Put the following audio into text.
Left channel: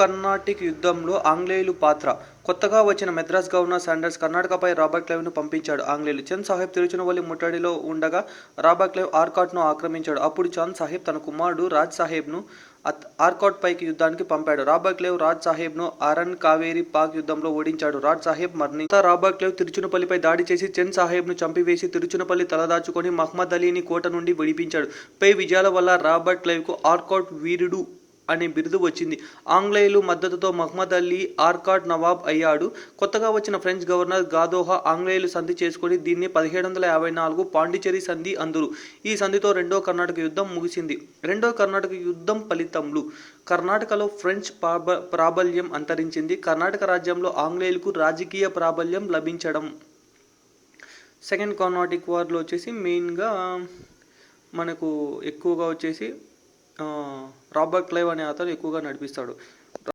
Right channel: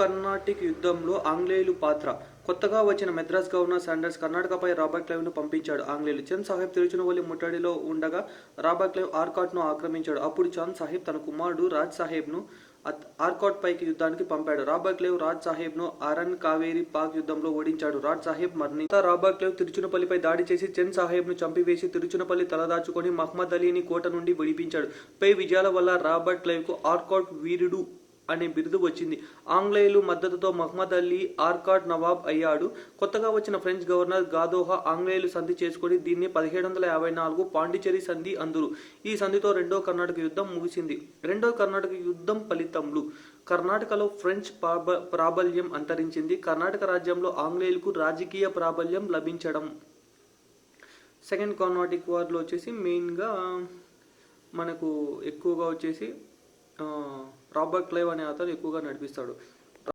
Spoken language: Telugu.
కర్ణాటిక్ యుద్ధంలో ఆంగ్లేయుల పాత్ర. కొత్తగా వచ్చిన మద్రాస్ గవర్నర్ శాండర్స్ కర్ణాటకపై రాబర్ట్ క్లైవ్ను పంపించాడు. ఆంగ్లేయులు చంద్ సాహెబ్ తిరుచునవల్లి ముట్టడిలో ఉండగా రాబర్ట్ క్లైవ్ ఆర్కాట్ను ఆక్రమించాడు. అప్పుడు చంద్ సాహెబ్ తన కుమారుడు రాజ్ సాహెబ్ను ఆర్కాట్ పైకి యుద్ధానికి పంపాడు. రాబర్ట్ క్లైవ్ రాజ్ సాహెబ్ను అరన్ కావేరి పాక్ యుద్ధంలో ఓడించాడు. రాజ్ సాహెబ్ మరణించాడు. రాబర్ట్ క్లైవ్ తిరుచునపల్లిపై దాడి చేసి చంద్ సాహెబ్ను చంపివేసి తిరుచునపల్లి తలదాచుకొని మహ్మద్ అలీని కోట నుండి విడిపించాడు. పై విజయాల వల్ల రాబర్ట్ క్లైవ్కు ఆర్కాట్ వీరుడు అనే బిరుదు వచ్చింది. ఆంగ్లేయుల మద్దతుతో మహ్మద్ అలీ ఆర్కాట్ నవాబ్ అయ్యాడు. కొత్తగా వచ్చిన ఫ్రెంచ్ గవర్నర్ గాదోహా ఆంగ్లేయులు సంధి చేసుకుని దీన్ని 1754 పాండిచ్చేరి సంధి అందురు. ఈ సంధితో రెండో కర్ణాటక యుద్ధం ముగిసింది. రెండో కర్ణాటక యుద్ధం ఫలితంలు కర్ణాటకలో ఫ్రెంచ్ ప్రాబల్యం అంతరించింది. కర్ణాటక రాజ్యంలో ఆంగ్లేయులకు రాజకీయ ప్రాబల్యం లభించడం. సెకండ్ కర్ణాటిక్ వార్లో వచ్చేసి మెయిన్గా మనకు ఎక్కువగా వచ్చేసి రాబర్ట్ క్లైవ్ అనే అతను ఎక్కువగా నడిపిస్తాడు.